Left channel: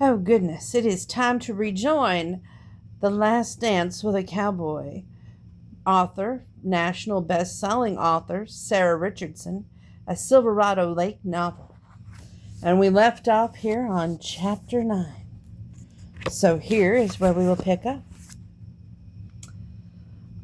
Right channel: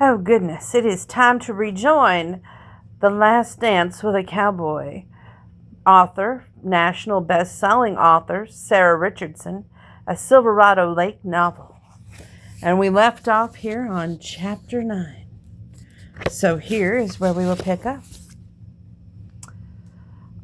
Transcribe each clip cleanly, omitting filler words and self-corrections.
Oh, goodness, it is time to rejoin The Last Dance with a Cowboy. Author, national best-selling author, Sara Richardson, a Silverado Lake novel. And we left off here on chapter 9. So here is where we will pick up.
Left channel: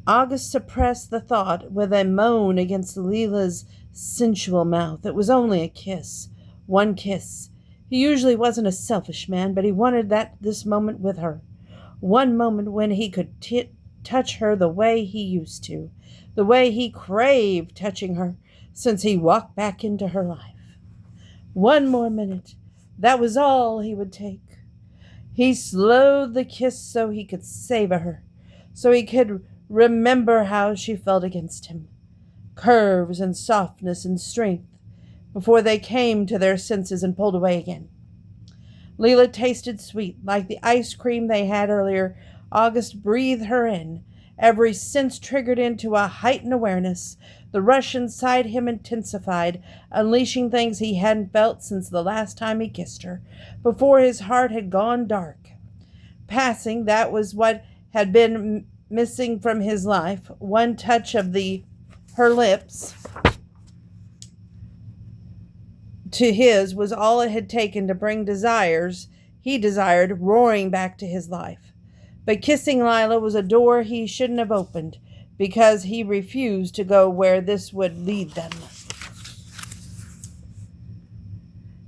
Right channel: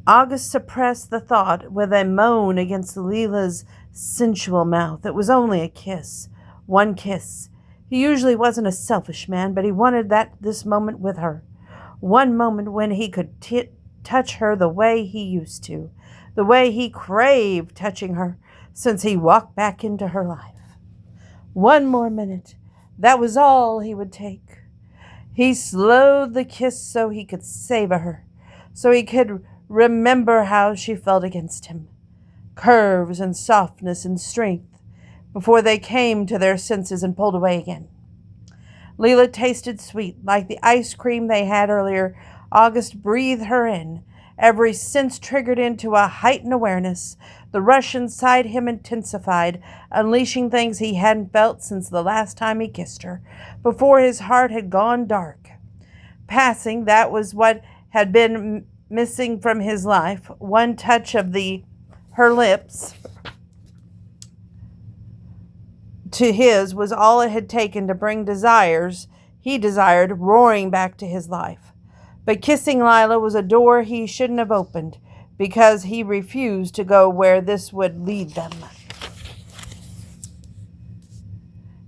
August suppressed the thought with a moan against Leila's sensual mouth. It was only a kiss. One kiss. He usually wasn't a selfish man, but he wanted this moment with her. One moment when he could touch her the way he used to, the way he craved touching her since he walked back into her life. One more minute. That was all he would take. He slowed the kiss so he could savor her, so he could remember how she felt against him. Curves and softness and strength, before they came to their senses and pulled away again. Leila tasted sweet, like the ice cream they had earlier. August breathed her in, every sense triggered into a heightened awareness. The rush inside him intensified, unleashing things he hadn't felt since the last time he kissed her, before his heart had gone dark. Passing, that was what had been missing from his life. One touch of her lips to his was all it had taken to bring desires he desired roaring back to his life. But kissing Leila was a door he shouldn't have opened, because he refused to go where this would lead them.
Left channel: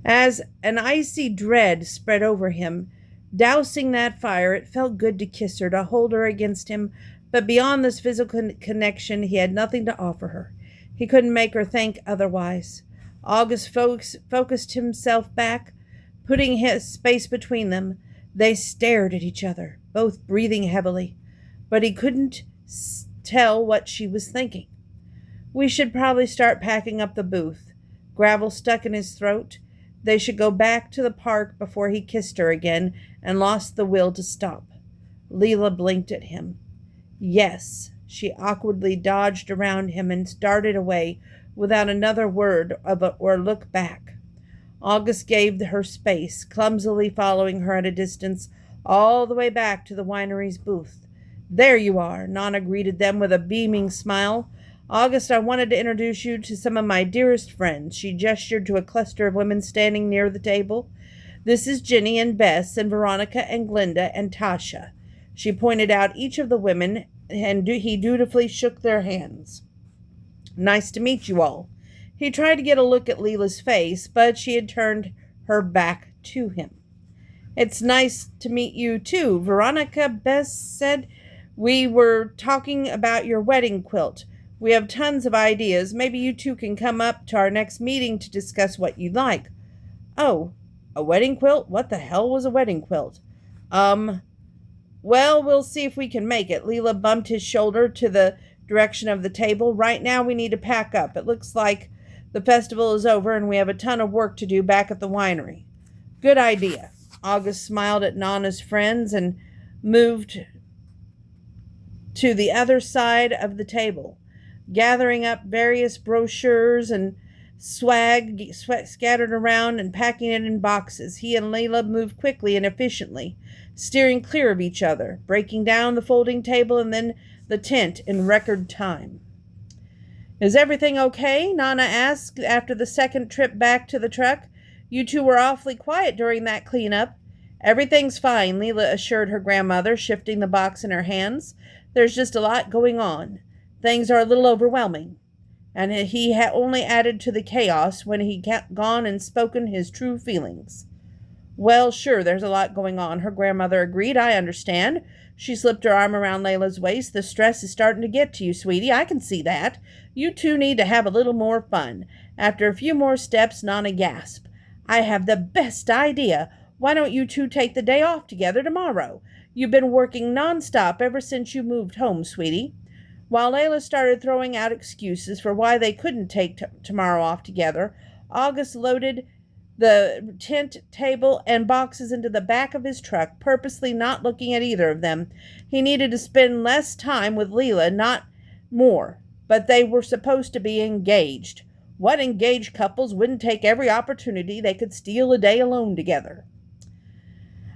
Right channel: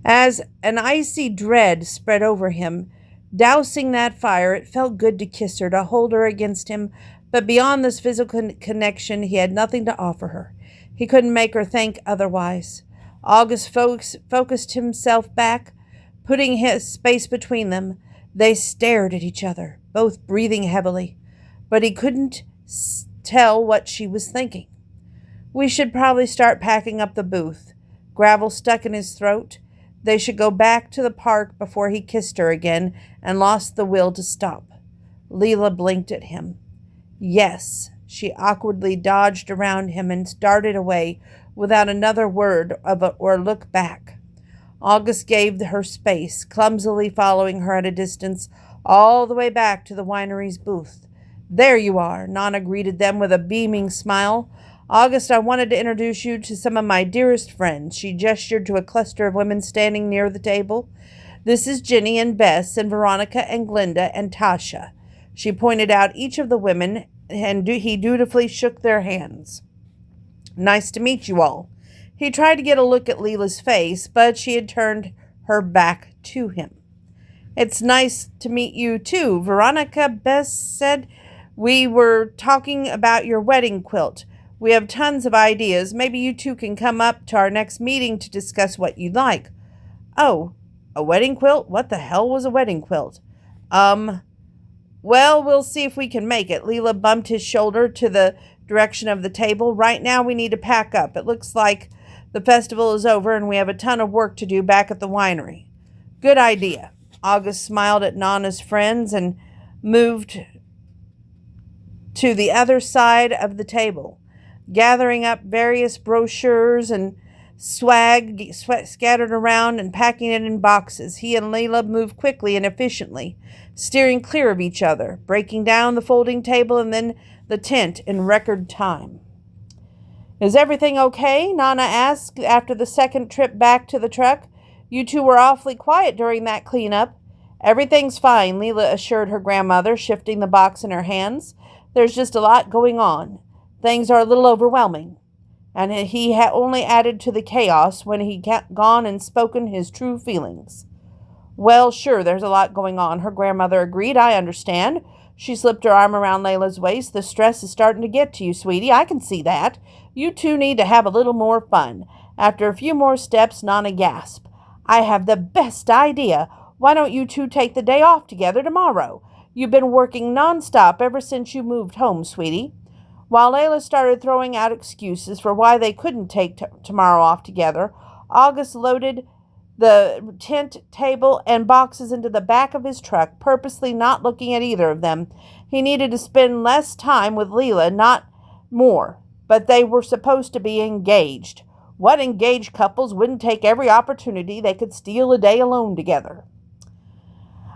As an icy dread spread over him, dousing that fire, it felt good to kiss her, to hold her against him, but beyond this physical connection, he had nothing to offer her. He couldn't make her think otherwise. August focused himself back, putting his space between them. They stared at each other, both breathing heavily, but he couldn't tell what she was thinking. We should probably start packing up the booth. Gravel stuck in his throat. They should go back to the park before he kissed her again and lost the will to stop. Leila blinked at him. Yes. She awkwardly dodged around him and started away without another word or look back. August gave her space, clumsily following her at a distance, all the way back to the winery's booth. There you are, Nana greeted them with a beaming smile. August, I wanted to introduce you to some of my dearest friends. She gestured to a cluster of women standing near the table. This is Jenny and Bess and Veronica and Glenda and Tasha. She pointed out each of the women, and he dutifully shook their hands. Nice to meet you all. He tried to get a look at Leila's face, but she had turned her back to him. It's nice to meet you too, Veronica, Bess said. We were talking about your wedding quilt. We have tons of ideas. Maybe you two can come up to our next meeting to discuss what you'd like. Oh, a wedding quilt? What the hell was a wedding quilt? Well, we'll see if we can make it. Leila bumped his shoulder to the direction of the table. Right now we need to pack up. It looks like the festival is over and we have a ton of work to do back at the winery. Good idea. August smiled at Nana's friends and moved to the other side of the table, gathering up various brochures and swag scattered around and packing it in boxes. He and Leila moved quickly and efficiently, steering clear of each other, breaking down the folding table and then the tent in record time. Is everything okay? Nana asked after the second trip back to the truck. You two were awfully quiet during that cleanup. Everything's fine, Leila assured her grandmother, shifting the box in her hands. There's just a lot going on. Things are a little overwhelming. And he had only added to the chaos when he had gone and spoken his true feelings. Well, sure, there's a lot going on, her grandmother agreed. I understand. She slipped her arm around Leila's waist. The stress is starting to get to you, sweetie. I can see that. You two need to have a little more fun. After a few more steps, Nana gasped. I have the best idea. Why don't you two take the day off together tomorrow? You've been working nonstop ever since you moved home, sweetie. While Leila started throwing out excuses for why they couldn't take tomorrow off together, August loaded the tent table and boxes into the back of his truck, purposely not looking at either of them. He needed to spend less time with Leila, not more, but they were supposed to be engaged. What engaged couples wouldn't take every opportunity they could steal a day alone together?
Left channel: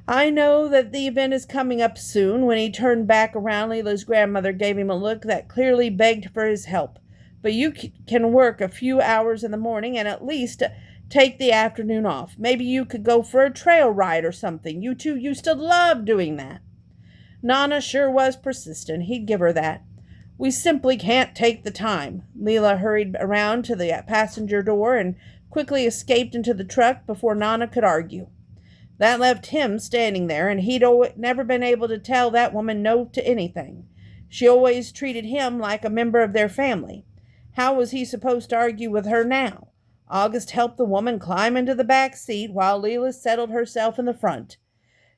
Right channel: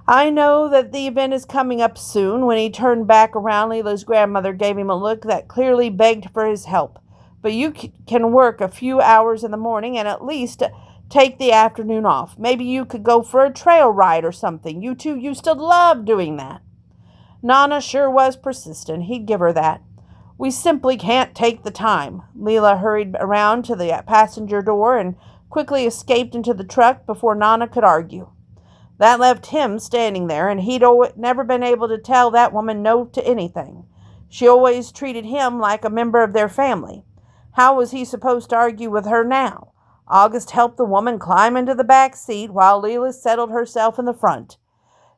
I know that the event is coming up soon. When he turned back around, Leela's grandmother gave him a look that clearly begged for his help. But you can work a few hours in the morning and at least take the afternoon off. Maybe you could go for a trail ride or something. You two used to love doing that. Nana sure was persistent. He'd give her that. We simply can't take the time. Leela hurried around to the passenger door and quickly escaped into the truck before Nana could argue. That left him standing there, and he'd never been able to tell that woman no to anything. She always treated him like a member of their family. How was he supposed to argue with her now? August helped the woman climb into the back seat while Leela settled herself in the front.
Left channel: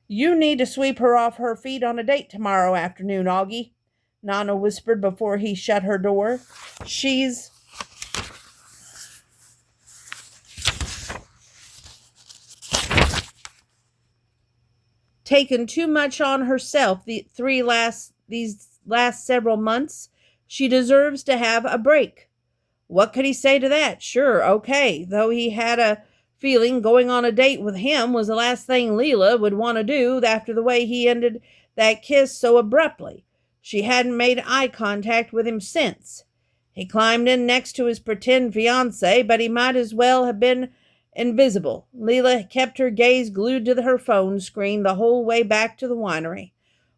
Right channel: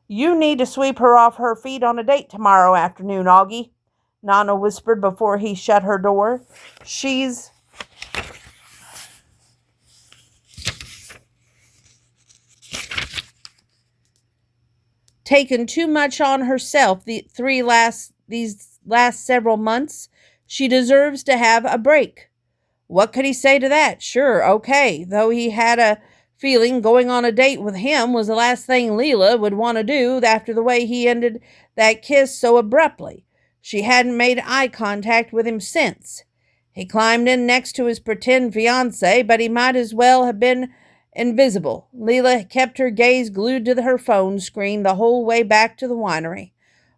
You need to sweep her off her feet on a date tomorrow afternoon, Augie, Nana whispered before he shut her door. She's taken too much on herself these last several months. She deserves to have a break. What could he say to that? Sure, okay, though he had a feeling going on a date with him was the last thing Leela would want to do after the way he ended that kiss so abruptly. She hadn't made eye contact with him since. He climbed in next to his pretend fiancé, but he might as well have been invisible. Leela kept her gaze glued to her phone screen the whole way back to the winery.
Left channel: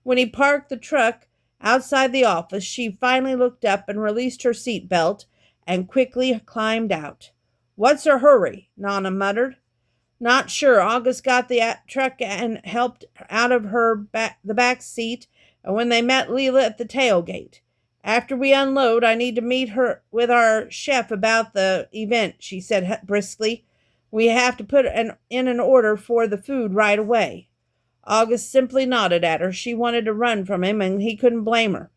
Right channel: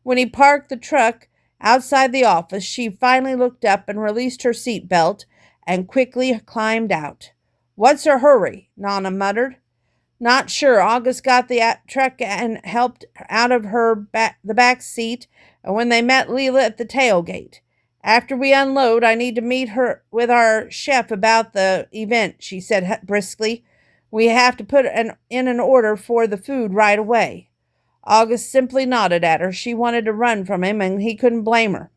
When he parked the truck outside the office, she finally looked up and released her seatbelt and quickly climbed out. What's her hurry? Nana muttered. Not sure. August got the truck and helped out of the back seat when they met Leela at the tailgate. After we unload, I need to meet her with our chef about the event, she said briskly. We have to put in an order for the food right away. August simply nodded at her. She wanted to run from him, and he couldn't blame her.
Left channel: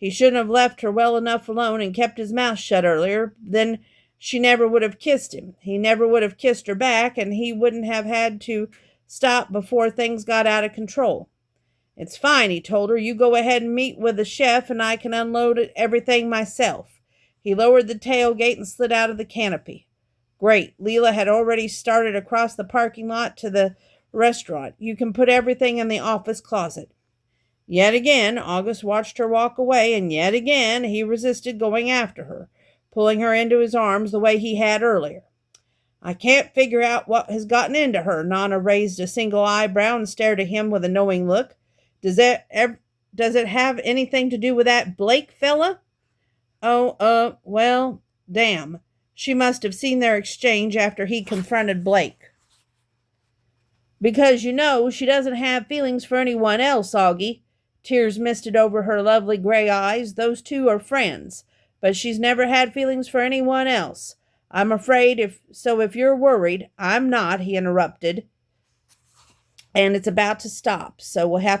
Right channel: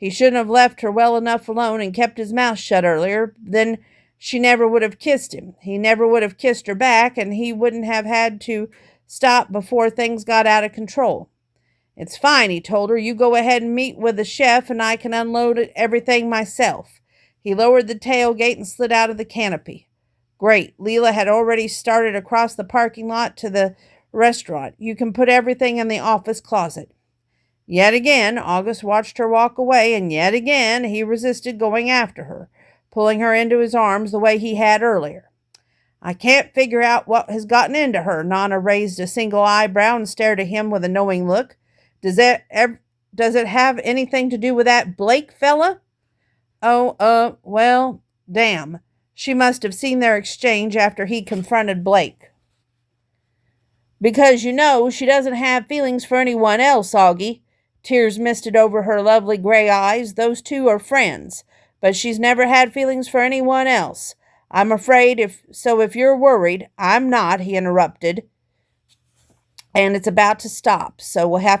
He shouldn't have left her well enough alone and kept his mouth shut earlier. Then she never would have kissed him. He never would have kissed her back, and he wouldn't have had to stop before things got out of control. It's fine, he told her. You go ahead and meet with the chef, and I can unload everything myself. He lowered the tailgate and slid out of the canopy. Great. Leela had already started across the parking lot to the restaurant. You can put everything in the office closet. Yet again, August watched her walk away, and yet again he resisted going after her, pulling her into his arms the way he had earlier. I can't figure out what has gotten into her. Nana raised a single eyebrow and stared at him with a knowing look. Does it have anything to do with that Blake fella? Oh, well, damn. She must have seen their exchange after he confronted Blake. Because, she doesn't have feelings for anyone else, Augie. Tears misted over her lovely gray eyes. Those two are friends, but she's never had feelings for anyone else. I'm afraid if you're worried, I'm not, he interrupted. And it's about to stop, so we'll have to